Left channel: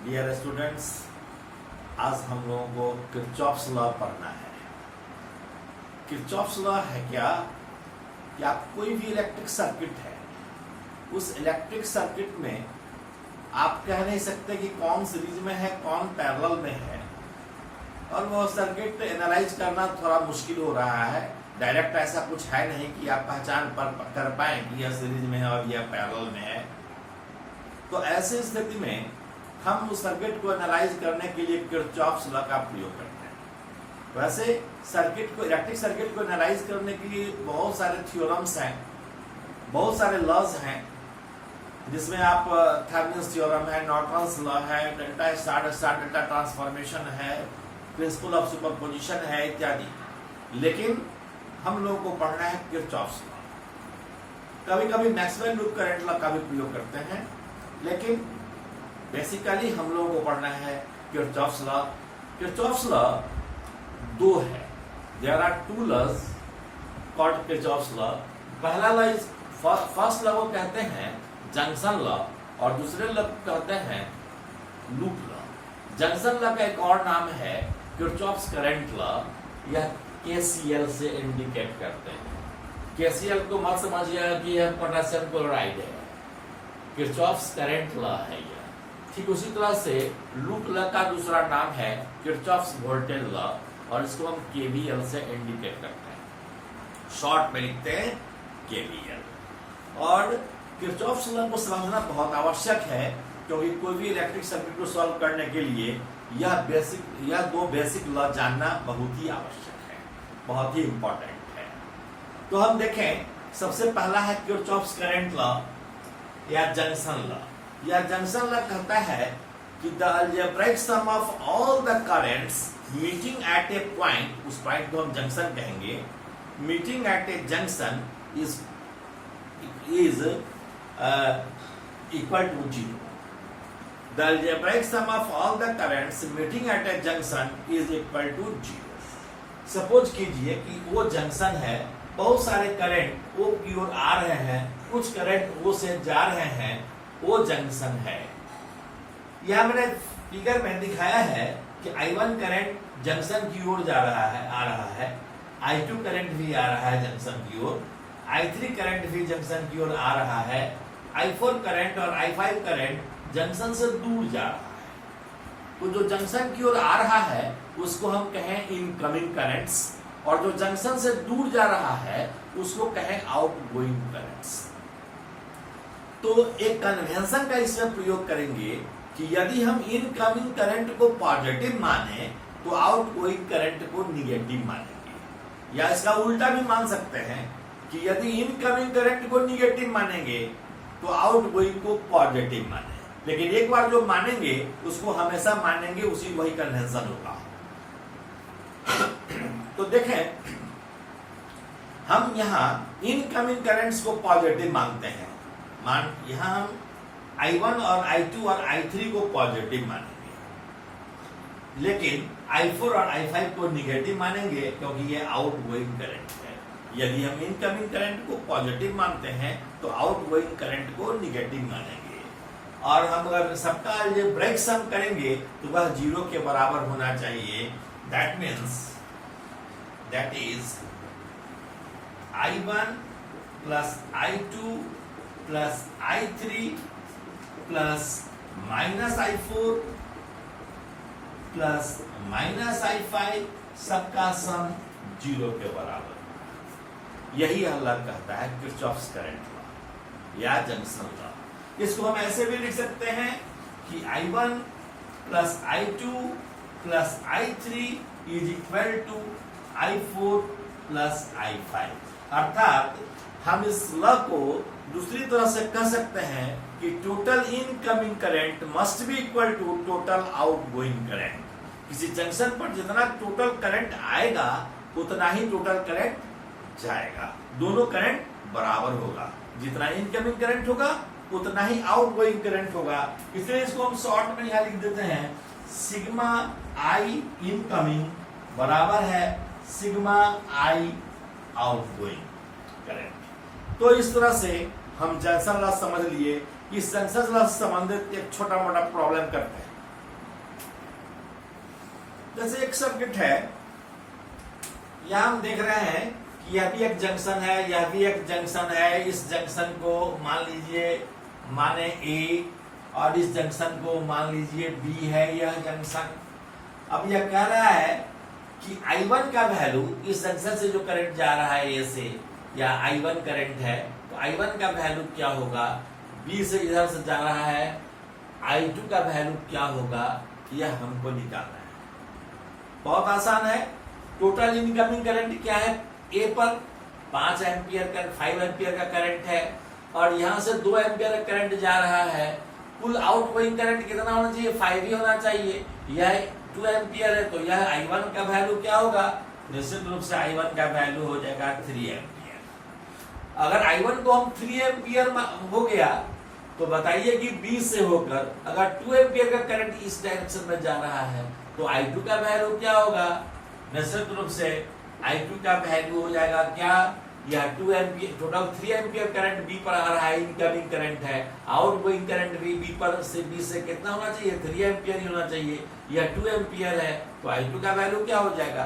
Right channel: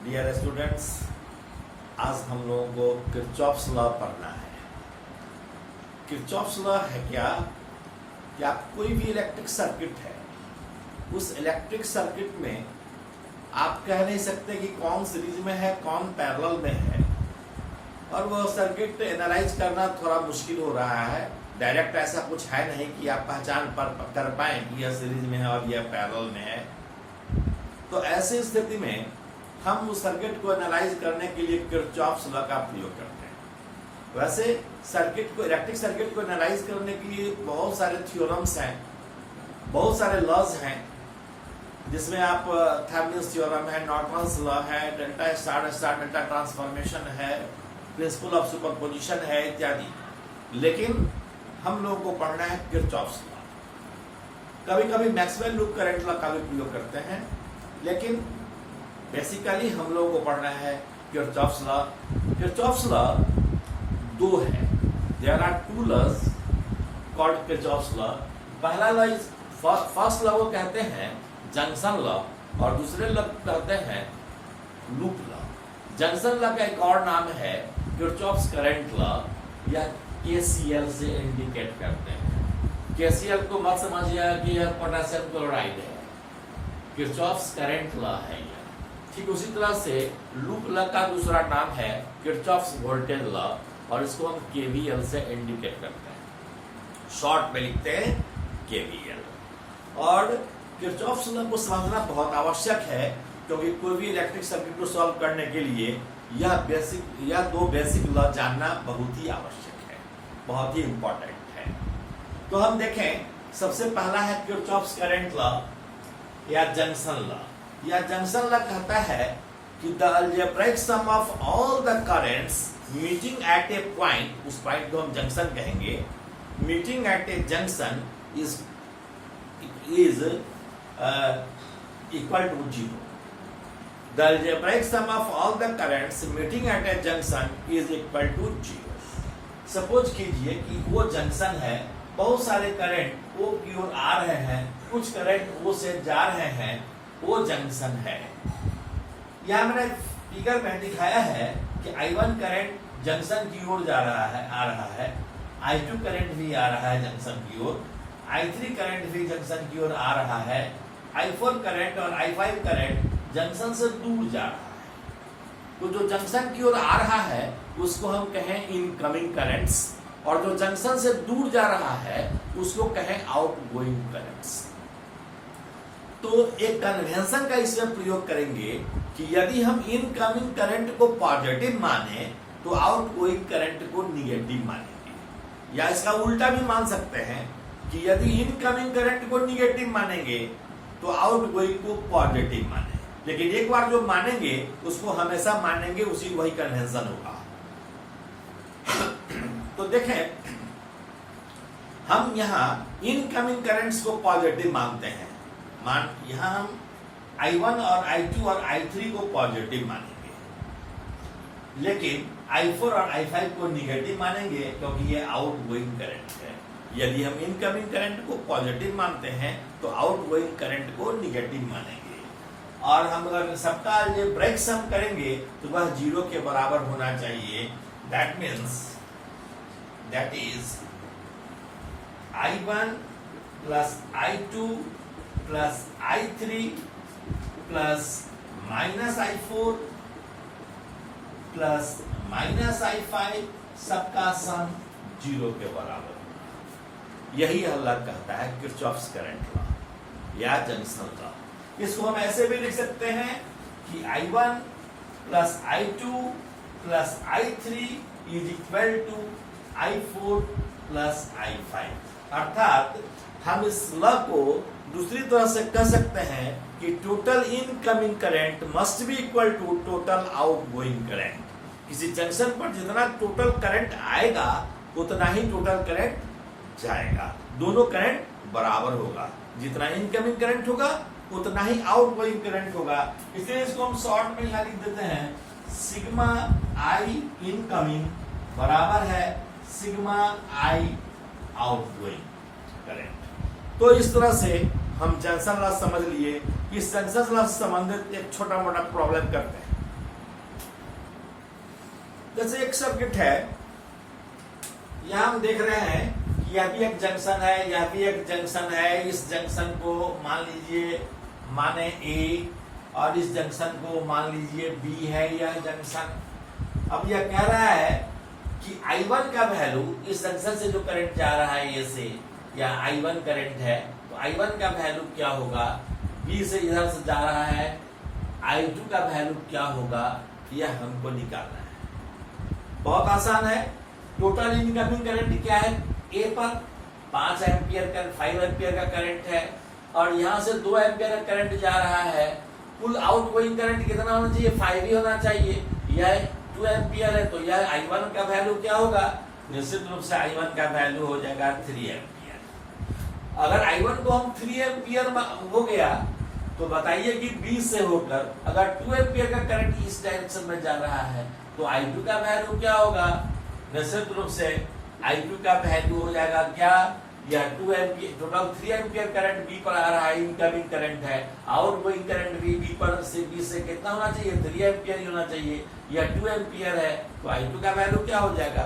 Dear students, आज हम लोगों को किरचॉफ्स लॉ पढ़ना है। किरचॉफ्स लॉ है क्या कि आप कोई भी इलेक्ट्रिक सर्किट है, उस इलेक्ट्रिक सर्किट में आप कह नहीं सकते कि कौन सीरीज में है कौन पैरेलल में है, और वो सर्किट एनालाइज करना थोड़ा मुश्किल हो रहा है। डायरेक्ट ऐसा कुछ है नहीं कि आप पहचान कर पाए कि यह सीरीज में है और यह पैरेलल में है। तो ऐसी स्थिति में हम उस सर्किट को एनालाइज करने के लिए किरचॉफ्स लॉ का प्रयोग करते हैं। वैसे सर्किट को, इलेक्ट्रिक सर्किट को एनालाइज करने के लिए बहुत सारे थ्योरम्स हैं, बहुत सारे लॉज हैं, जिसमें आप थेवेनिन्स थ्योरम है, नॉर्टन्स लॉ है, delta star star delta transformation है, प्रिंसिपल ऑफ सुपरपोजिशन है इत्यादि। लेकिन हम लोगों को पढ़ना है किरचॉफ्स लॉ। कभी कभी मैक्सवेल लूप करंट लॉ का भी प्रयोग करते हैं, लेकिन बेसिकली हम लोगों को पढ़ना है किरचॉफ्स लॉ। किरचॉफ्स लॉ दो है। There are two laws called Kirchhoff's law. पहला लॉ इज फर्स्ट लॉ को कहते हैं जंक्शन लॉ, और दूसरे लॉ कहते हैं लूप लॉ। जंक्शन लॉ का एक और नाम है किरचॉफ्स करंट लॉ, या केसीएल से इंडिकेट करते हैं। केसीएल को मत समझिए कि यह पोटेशियम क्लोराइड है, किरचॉफ्स करंट लॉ है यह। ठीक उसी तरह से लूप लॉ का दूसरा नाम है किरचॉफ्स वोल्टेज लॉ, और इसको हम केवीएल से इंडिकेट करते हैं, शॉर्ट में लिखते हैं केवीएल। और किरचॉफ्स लॉ को समझना बहुत आवश्यक है, क्योंकि कोई भी इलेक्ट्रिक सर्किट को सॉल्व करने के लिए यह दो बेसिक लॉ जानना बहुत ही आवश्यक है, बहुत ही इंपॉर्टेंट है। तो हम देखें, सबसे पहला है किरचॉफ्स करंट लॉ या जंक्शन लॉ। या जंक्शन लॉ कहता है कि the algebraic sum of all the currents meeting at a point, उस पॉइंट को हम जंक्शन कहेंगे, meeting at a junction is equal to 0। The algebraic sum of all the currents meeting at a junction is equal to 0। Suppose कीजिए कि वो junction है, बहुत सारे करंट O की ओर आ रहे हैं, कुछ करंट O से जा रहे हैं, वो जंक्शन है। यह मैंने फिगर में दिखाया है कि I1 करंट जंक्शन की ओर आ रहा है, I2 करंट भी आ रहा है जंक्शन की ओर, I3 करंट भी जंक्शन की ओर आ रहा है, I4 करंट और I5 करंट जंक्शन से दूर जा रहा है। तो जो जंक्शन की ओर आ रहा है उसको हम कहें इनकमिंग करंट्स, और जो जंक्शन से दूर जा रहा है उसको कहें आउटगोइंग करंट्स। तो एक कन्वेंशन का इसमें प्रयोग करेंगे कि यदि हम इनकमिंग करंट को पॉजिटिव माने तो आउटगोइंग करंट को निगेटिव मानेंगे, या इसका उल्टा भी मान सकते हैं कि यदि इनकमिंग करंट को निगेटिव मानेंगे तो आउटगोइंग को पॉजिटिव मानेंगे। लेकिन एक बार जो मानेंगे उसको हमेशा मानेंगे, उसी वही कन्वेंशन होगा। तो देखें, हम यहां इनकमिंग करंट्स को पॉजिटिव मानते हैं। यहां हम I1 और I2 और I3 को पॉजिटिव मानेंगे, लेकिन I4 और I5 को निगेटिव मानेंगे, क्योंकि ये आउटगोइंग करंट है। यदि हम इनकमिंग करंट को पॉजिटिव मानते हैं तो आउटगोइंग करंट को निगेटिव मानेंगे। और हम अगर सबका अलजेब्राइक सम करेंगे तो वह 0 के बराबर होना चाहिए। That means that is I1 plus I2 plus I3 plus minus I4 plus minus I5, सबका सम 0 के बराबर। यही अल्लाह कहता है किरचॉफ्स करंट लॉ या जंक्शन लॉ। इसको हम ऐसे भी लिख सकते हैं कि I1 plus I2 plus I3 is equal to I4 plus I5। अर्थात हम इस लॉ को दूसरी तरह से कह सकते हैं कि total incoming current must be equal to total outgoing current. किसी जंक्शन पर जितना टोटल करंट आएगा उतना ही टोटल करंट जाएगा, दोनों करंट बराबर होगा। जितना इनकमिंग करंट होगा उतना ही आउटगोइंग करंट होगा। इसलिए इसको हम शॉर्ट में यहां लिख देते हैं, सिग्मा आई इनकमिंग बराबर है सिग्मा आई आउटगोइंग करंट। तो इस तरह से हम जंक्शन लॉस समझ लिए। इस जंक्शन लॉस से संबंधित एक छोटा मोटा प्रॉब्लम करते हैं। जैसे एक सर्किट है, यहां हम देख रहे हैं कि यह भी एक जंक्शन है, यह भी एक जंक्शन है। इस जंक्शन को मान लीजिए माने ए, और इस जंक्शन को मान लीजिए बी है यह जंक्शन। अब यह कह रहा है कि I1 का वैल्यू, इस जंक्शन से जो करंट जा रहा है ए से, या I1 करंट है, तो I1 का वैल्यू क्या होगा, बी से इधर से जा रहा है I2 का वैल्यू क्या होगा, यह हमको निकालना है। बहुत आसान है। टोटल इनकमिंग करंट क्या है, ए पर 5 एम्पियर का 5 एम्पियर का करंट है, और यहां से 2 एम्पियर का करंट जा रहा है। कुल आउटगोइंग करंट कितना होना चाहिए, 5 ही होना चाहिए। यह 2 एम्पियर है, तो यह I1 का वैल्यू क्या होगा, निश्चित रूप से I1 का वैल्यू हो जाएगा 3 एम्पियर। अगर I1 को हम 3 एम्पियर हो गया, तो बताइए कि B से होकर अगर 2 एम्पियर का करंट इस डायरेक्शन में जा रहा है, तो I2 का वैल्यू क्या होगा, निश्चित रूप से I2 का वैल्यू हो जाएगा क्या, यह 2 ampere, total 3 ampere current B पर आ रहा है, इनकमिंग करंट है। आउटगोइंग करंट भी बी पर से बी से कितना होना चाहिए, 3 एम्पियर ही होना चाहिए। यह 2 एम्पियर है, तो I2 का वैल्यू क्या हो जाएगा,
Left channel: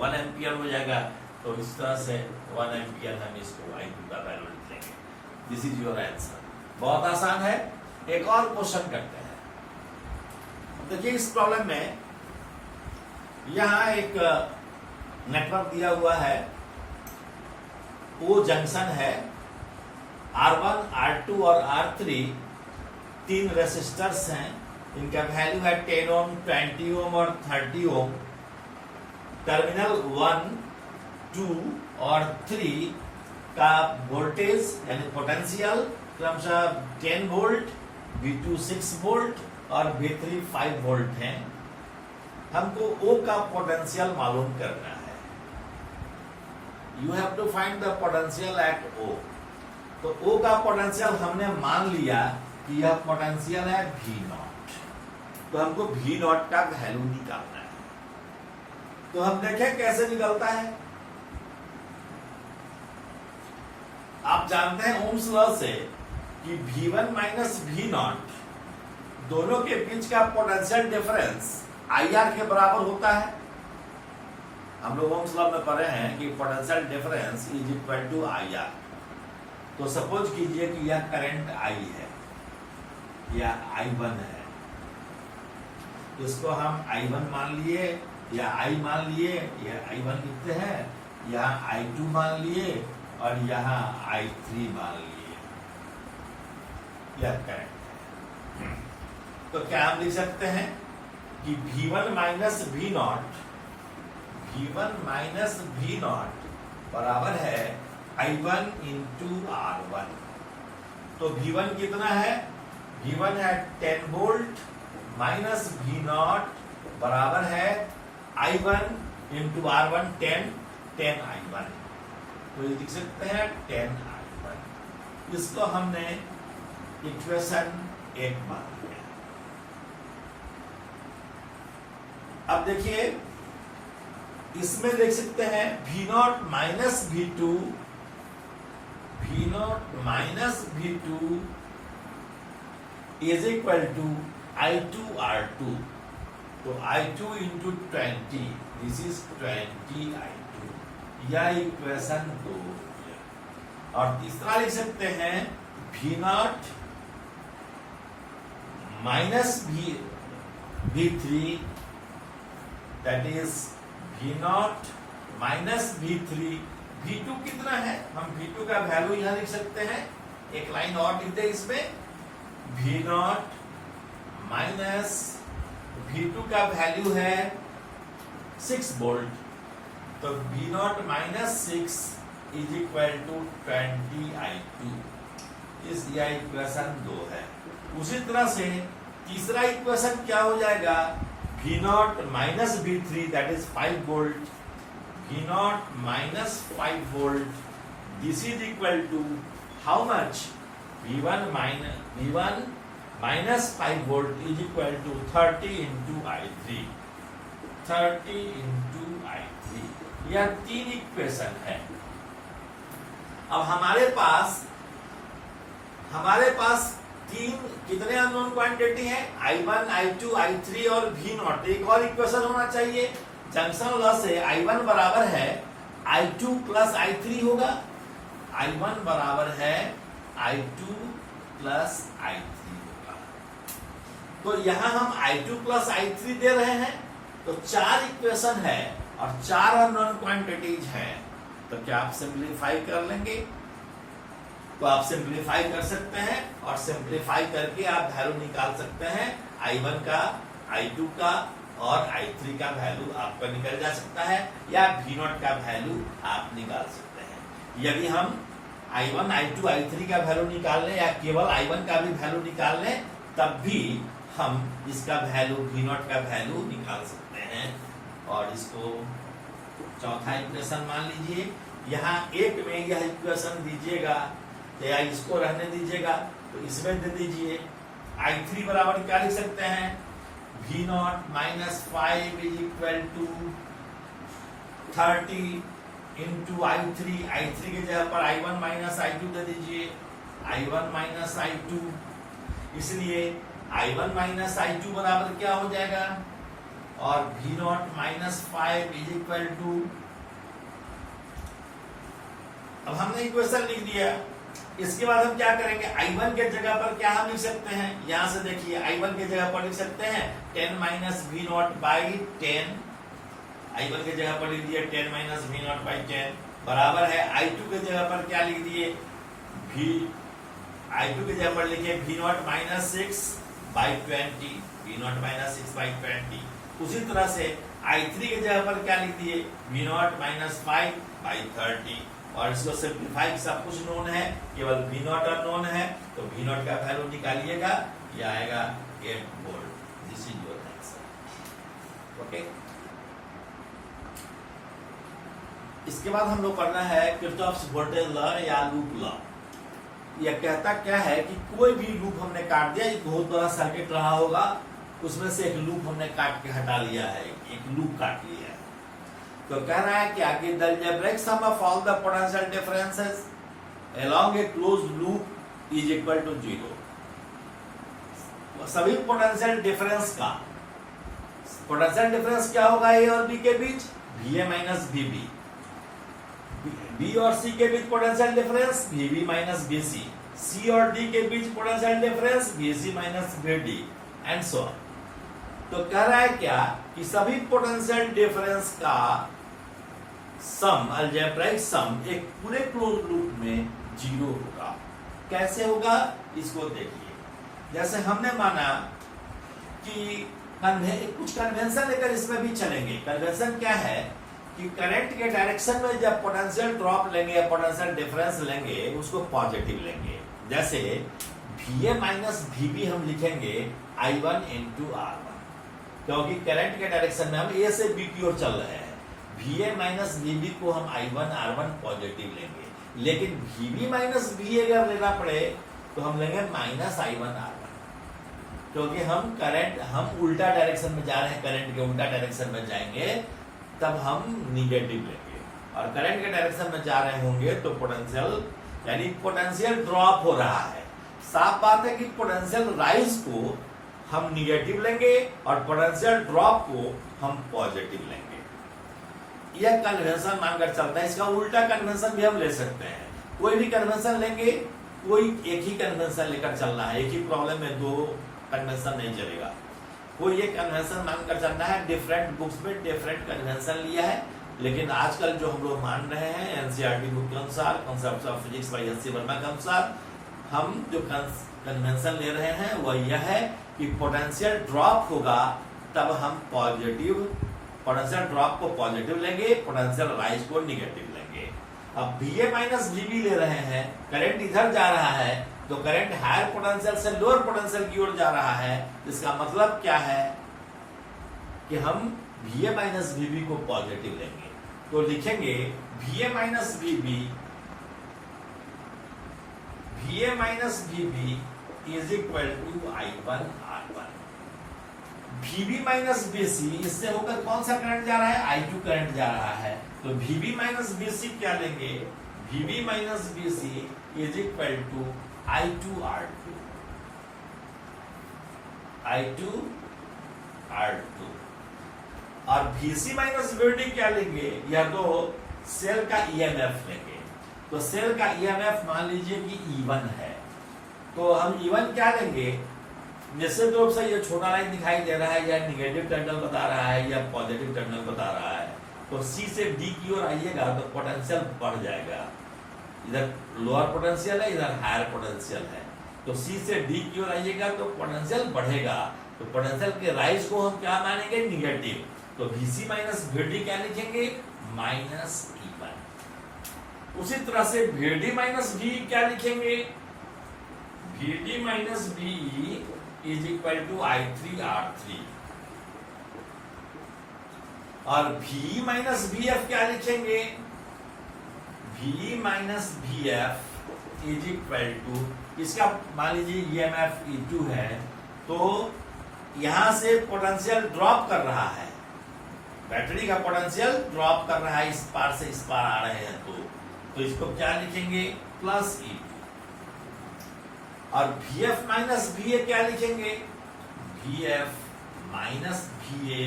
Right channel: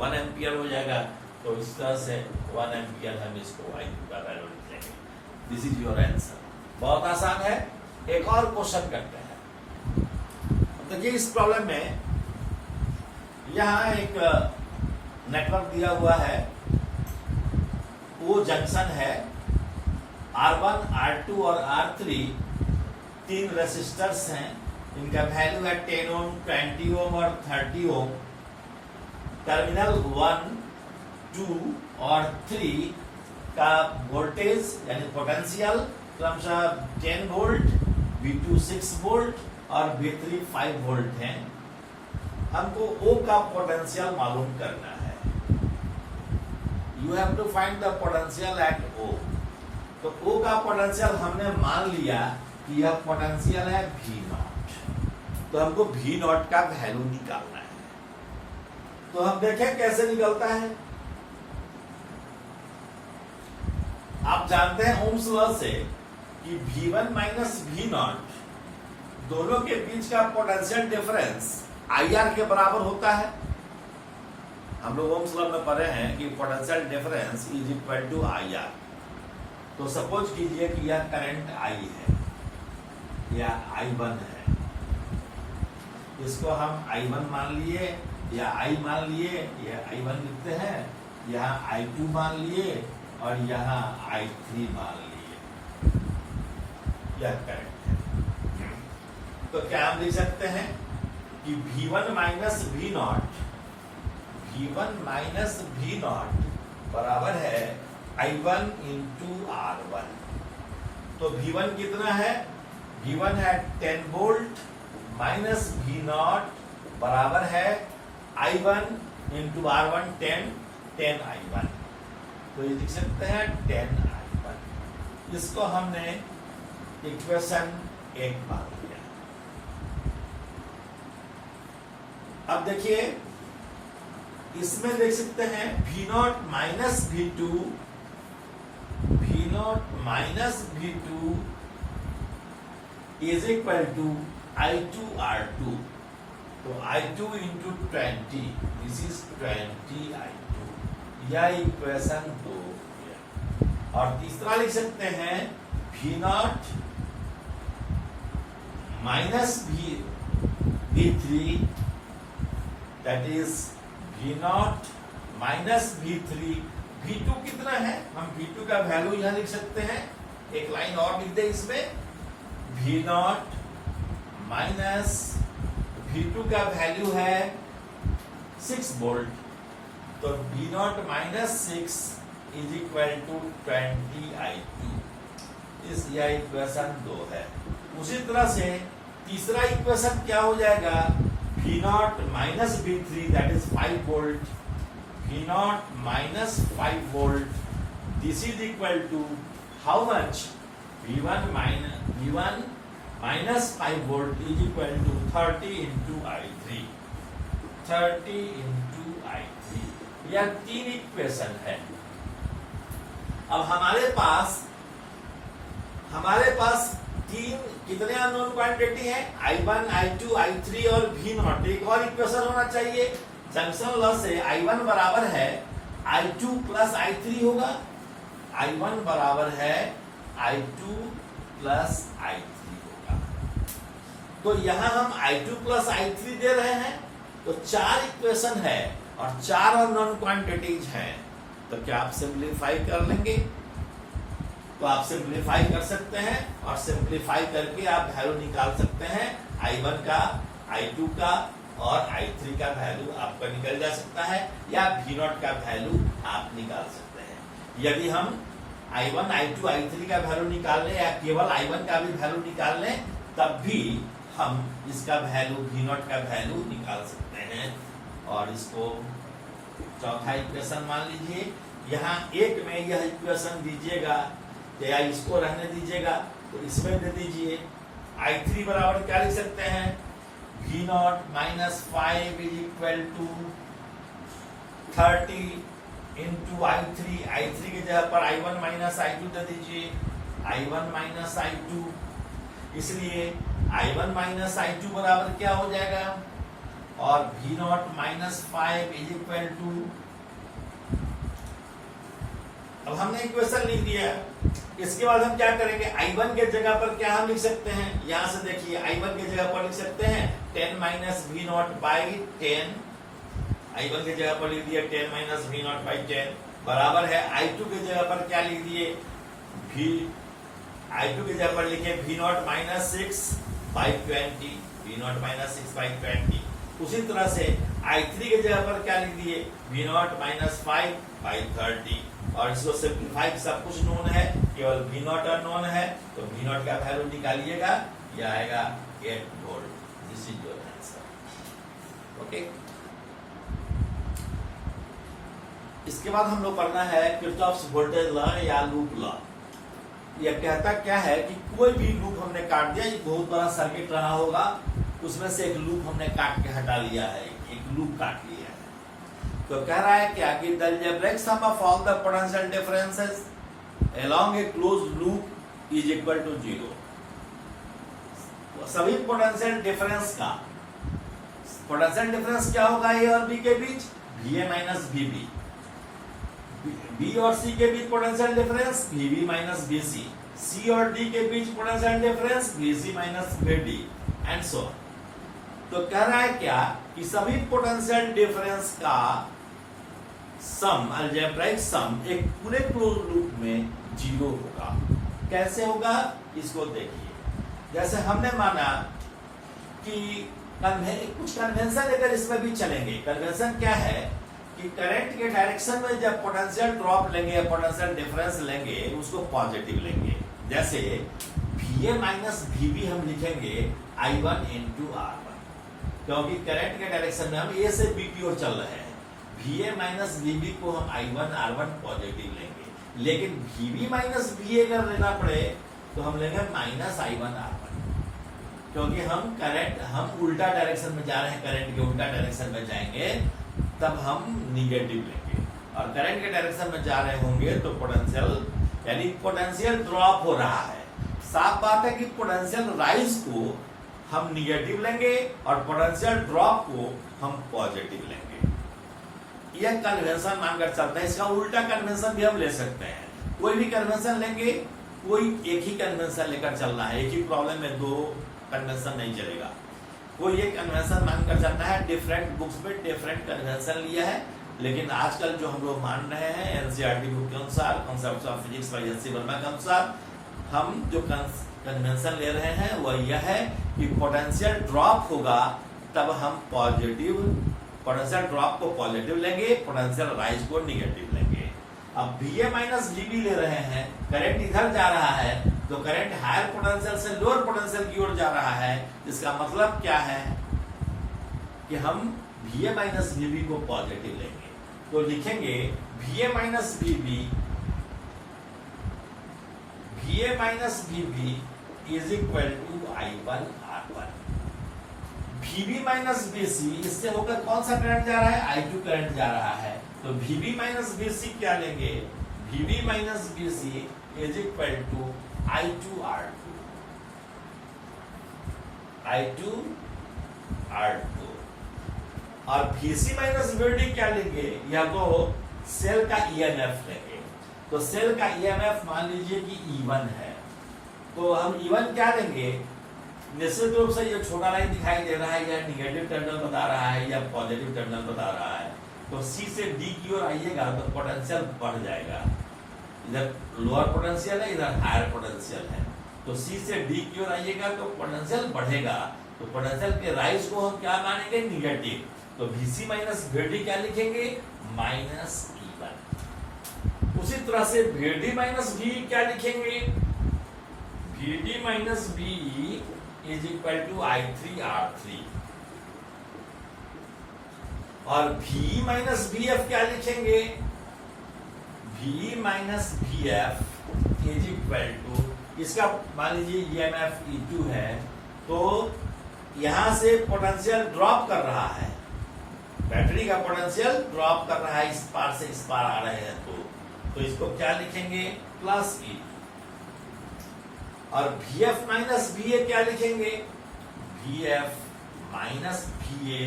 1 एम्पियर हो जाएगा। तो इस तरह से 1 एम्पियर हम इसको I2 का वैल्यू लिख लेंगे। This is your answer. बहुत आसान है। एक और क्वेश्चन करते हैं। देखिए इस प्रॉब्लम में यहाँ एक नेटवर्क दिया हुआ है, वो जंक्शन है, R1, R2 और R3 3 रेसिस्टर्स हैं। इनका वैल्यू है 10 ओम, 20 ओम और 30 ओम। टर्मिनल 1, 2 और 3 का वोल्टेज यानी पोटेंशियल क्रमशः 10 वोल्ट, V2 6 वोल्ट और V3 5 वोल्ट हैं। हमको O का पोटेंशियल मालूम करना है। You have to find the potential at O। तो O का पोटेंशियल हमने मान लिया कि यह पोटेंशियल है V0। तो हमको V0 का वैल्यू निकालना है। तो हम देखें कैसे निकलता है। आप जानते हैं ओम्स लॉ से कि V1 माइनस V0 दोनों के बीच का पोटेंशियल डिफरेंस IR के बराबर होता है। हम लोग ओम्स लॉ में पढ़े हैं कि potential difference is equal to IR। तो सपोज कीजिए कि यह करंट I है, या I1 है, इसको हम I1 मान लिए या I मान लिए, यह I1 लिखते हैं, यहाँ I2 मान लिए और यहाँ I3 मान लिए। यह करंट है। तो क्या हम लिख सकते हैं कि V1 माइनस V0 बराबर है I1 इंटू R1। तो V1 कितना है, V1 है 10 वोल्ट माइनस V0 बराबर है I1 इंटू R1 10 I1। तो ये लिख सकते हैं 10 I1। इसको हमने इक्वेशन 1 मान लिया। अब देखिए इसमें देख सकते हैं V0 minus V2 is equal to I2 R2। तो I2 into 20, this is 20 I2। यह इक्वेशन 2। और तीसरा लिख सकते हैं V0 minus V3 that is V0 minus V3। V2 कितना है, हम V2 का वैल्यू यहां लिख सकते हैं। एक लाइन और लिख दे इसमें, V0 माइनस V2 का वैल्यू है 6 वोल्ट। तो V0 minus 6 is equal to 20 I2। इस यह इक्वेशन 2 है। उसी तरह से तीसरा इक्वेशन क्या हो जाएगा, V0 minus V3 that is 5 volt. V0 minus 5 volt, this is equal to how much, V1 minus 5 volt is equal to 30 into I3। 30 into I3। यह 3 इक्वेशन है। अब हमारे पास तीन कितने अननोन क्वांटिटी हैं? I1, I2, I3 और V0। एक और इक्वेशन होना चाहिए, जंक्शन लॉ से I1 बराबर है I2 प्लस I3 होगा। I1 बराबर है I2 प्लस I3 होगा। तो यहां हम I2 प्लस I3 दे रहे हैं, तो 4 इक्वेशन है और 4 अननोन क्वांटिटीज हैं। तो क्या आप सिंप्लीफाई कर लेंगे? तो आप सिंप्लीफाई कर सकते हैं और सिंप्लीफाई करके आप वैल्यू निकाल सकते हैं। I1 का, I2 का और I3 का वैल्यू आपका निकल जा सकता है, या V0 का वैल्यू आप निकाल सकते हैं। यदि हम I1, I2, I3 का वैल्यू निकाल लें या केवल I1 का भी वैल्यू निकाल लें, तब भी हम इसका वैल्यू V0 का वैल्यू निकाल सकते हैं। और इसको चौथा इक्वेशन मान लीजिए। यहाँ एक में यह इक्वेशन दीजिएगा या इसको रहने दीजिएगा, तो इसमें दे दीजिए I3 बराबर क्या लिख सकते हैं? V0 minus 5 is equal to 30 into I3। I3 की जगह पर I1 माइनस I2 दे दीजिए, I1 माइनस I2। इसलिए I1 माइनस I2 बराबर क्या हो जाएगा? और V0 minus 5 is equal to, अब हमने इक्वेशन लिख दिया। इसके बाद हम क्या करेंगे? I1 के जगह पर क्या हम लिख सकते हैं? यहां से देखिए, I1 के जगह पर लिख सकते हैं 10 माइनस V0 बाई 10। I1 के जगह पर लिख दिया 10 माइनस V0 बाई 10 बराबर है I2 के जगह पर क्या लिख दिए? I2 के जगह पर लिखे V0 minus 6 by 20। V0 minus 6 by 20। उसी तरह से I3 के जगह पर क्या लिख दिए? V0 minus 5 by 30। और इसको सिंप्लीफाई, सब कुछ नोन है, केवल V0 अननोन है, तो V0 का वैल्यू निकालिएगा, यह आएगा 8 volt. This is your answer. Okay, इसके बाद हम लोग पढ़ना है किर्चॉफ्स वोल्टेज लॉ या लूप लॉ। यह कहता क्या है कि कोई भी लूप हमने काट दिया, एक बहुत बड़ा सर्किट रहा होगा, उसमें से एक लूप हमने काट के हटा लिया है, एक लूप काट लिया है। तो कह रहा है क्या कि the algebraic sum of all the potential differences along a closed loop is equal to 0। सभी पोटेंशियल डिफरेंस का, पोटेंशियल डिफरेंस क्या होगा ए और बी के बीच? VA minus VB। बी और सी के बीच potential difference VB minus VC। C और डी के बीच potential difference VC minus VD and so on. तो कह रहा है क्या कि सभी पोटेंशियल डिफरेंस का सम, अलजेब्राइक सम, एक पूरे क्लोज लूप में 0 होगा। कैसे होगा? इसको देखिए। जैसे हमने माना कि कुछ कन्वेंशन लेकर इसमें भी चलेंगे। कन्वेंशन क्या है कि करंट के डायरेक्शन में जब पोटेंशियल ड्रॉप लेंगे या पोटेंशियल डिफरेंस लेंगे, उसको पॉजिटिव लेंगे। जैसे VA माइनस VB हम लिखेंगे I1 इंटू R1, क्योंकि करंट के डायरेक्शन में हम A से B की ओर चल रहे हैं। VA माइनस VB को हम I1 R1 पॉजिटिव लेंगे, लेकिन VB माइनस VA अगर लेना पड़े तो हम लेंगे माइनस I1 R1, क्योंकि हम उल्टा डायरेक्शन में जा रहे हैं, करंट के उल्टा डायरेक्शन में जाएंगे तब हम निगेटिव लेंगे, और करंट के डायरेक्शन में जा रहे होंगे तो पोटेंशियल, यानी पोटेंशियल ड्रॉप हो रहा है। साफ बात है कि पोटेंशियल राइज को हम निगेटिव लेंगे और पोटेंशियल ड्रॉप को हम पॉजिटिव लेंगे। यह कन्वेंशन मानकर चलता है। इसका उल्टा कन्वेंशन भी हम ले सकते हैं। कोई भी कन्वेंशन लेंगे, कोई एक ही कन्वेंशन लेकर चलना है। एक ही प्रॉब्लम में 2 कन्वेंशन नहीं चलेगा। कोई एक कन्वेंशन मानकर चलना है। डिफरेंट बुक्स में डिफरेंट कन्वेंशन लिया है, लेकिन आजकल जो हम लोग मान रहे हैं एनसीईआरटी बुक के अनुसार, concepts of physics by S C Verma के अनुसार, हम जो कन्वेंशन ले रहे हैं वह यह है कि पोटेंशियल ड्रॉप होगा तब हम पॉजिटिव, पोटेंशियल ड्रॉप को पॉजिटिव लेंगे, पोटेंशियल राइज को निगेटिव लेंगे। अब VA माइनस VB ले रहे हैं, करंट इधर जा रहा है तो करंट हायर पोटेंशियल से लोअर पोटेंशियल की ओर जा रहा है। इसका मतलब क्या है कि हम VA माइनस VB को पॉजिटिव लेंगे, तो लिखेंगे VA minus VB is equal to I1 R1। VB minus BC, इससे होकर कौन सा करंट जा रहा है? I2 करंट जा रहा है, तो VB माइनस BC क्या लेंगे? VB minus BC is equal to I2 R2। I2 R2 और VC माइनस VD क्या लेंगे, या तो सेल का EMF लेंगे। तो सेल का EMF मान लीजिए कि E1 है, तो हम E1 क्या लेंगे, निश्चित रूप से ये छोटा लाइन दिखाई दे रहा है, या निगेटिव टर्मिनल बता रहा है या पॉजिटिव टर्मिनल बता रहा है। तो C से D की ओर आइएगा तो पोटेंशियल बढ़ जाएगा, इधर लोअर पोटेंशियल है, इधर हायर पोटेंशियल है। तो C से D की ओर आइएगा तो पोटेंशियल बढ़ेगा, तो पोटेंशियल के राइज को हम क्या मानेंगे, निगेटिव। तो VC माइनस VD क्या लिखेंगे, माइनस E1। उसी तरह से VD माइनस V क्या लिखेंगे, VD minus V is equal to I3 R3। और VE माइनस VF क्या लिखेंगे, VE minus VF is equal to, इसका मान लीजिए EMF E2 है, तो यहां से पोटेंशियल ड्रॉप कर रहा है, बैटरी का पोटेंशियल ड्रॉप कर रहा है, इस पार से इस पार आ रहे हैं, तो इसको क्या लिखेंगे, प्लस E। और VF माइनस VA क्या लिखेंगे, VF minus VA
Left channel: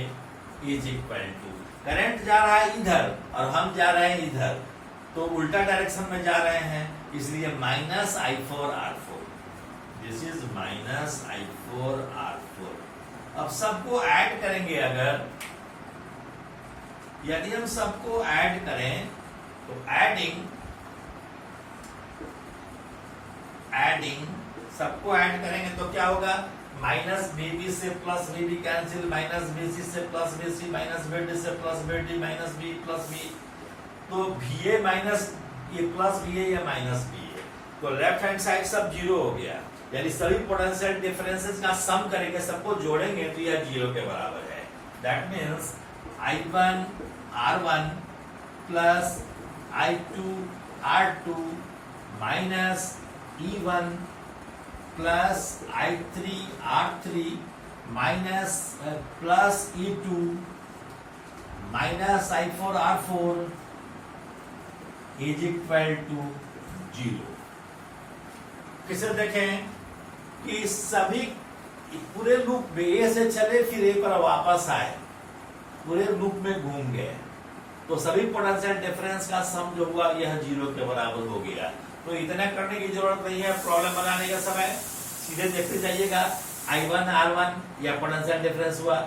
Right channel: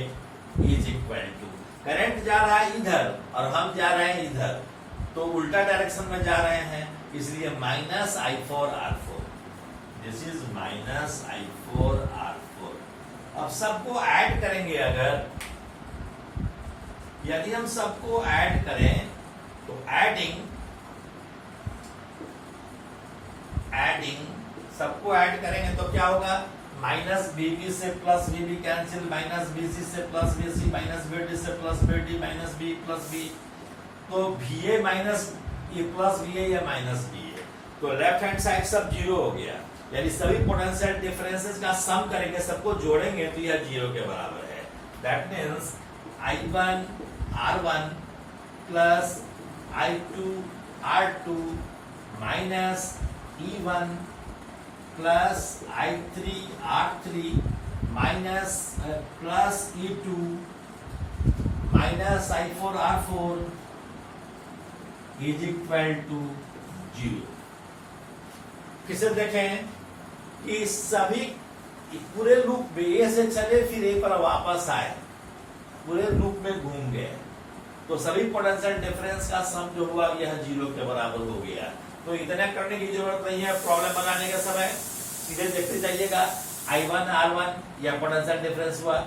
is equal to, current जा रहा है इधर और हम जा रहे हैं इधर, तो उल्टा डायरेक्शन में जा रहे हैं, इसलिए minus I4 R4। This is minus I4 R4। अब सबको ऐड करेंगे, अगर यदि हम सबको ऐड करें तो एडिंग सबको ऐड करेंगे तो क्या होगा, माइनस BB से plus BB cancel, minus BC से प्लस BC, माइनस BD से plus BD, minus B plus B, तो VA माइनस ये प्लस VA या माइनस VA, तो लेफ्ट हैंड साइड सब जीरो हो गया। यानी सभी पोटेंशियल डिफरेंसेस का सम करेंगे, सबको जोड़ेंगे तो यह जीरो के बराबर है। That means I1 R1 plus I2 R2 minus E1 plus I3 R3 minus plus E2 minus I4 R4 is equal to 0। किसे देखें कि सभी पूरे लूप में ए से चले फिर ए पर वापस आए, पूरे लूप में घूम गए, तो सभी पोटेंशियल डिफरेंस का सम जो हुआ यह 0 के बराबर हो गया। तो इतना करने की जरूरत नहीं है प्रॉब्लम बनाने का समय, सीधे देखते जाइएगा। I1 R1 या पोटेंशियल डिफरेंस हुआ,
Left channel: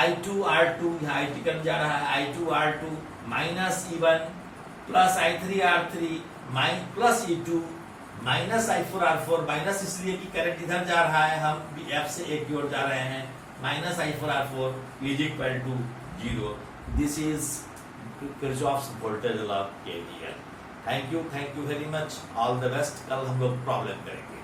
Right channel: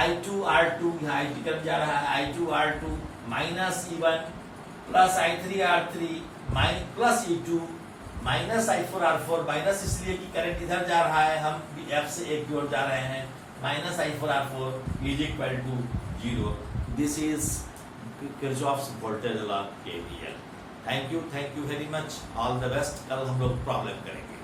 I2 R2 यहाँ I2 कम जा रहा है, I2 R2 minus E1 plus I3 R3 plus E2 minus I4 R4, minus इसलिए कि करंट इधर जा रहा है, हम F से एक की ओर जा रहे हैं, minus I4 R4 is equal to 0। This is Kirchhoff's voltage law KVL। Thank you very much, all the best. कल हम लोग प्रॉब्लम करेंगे।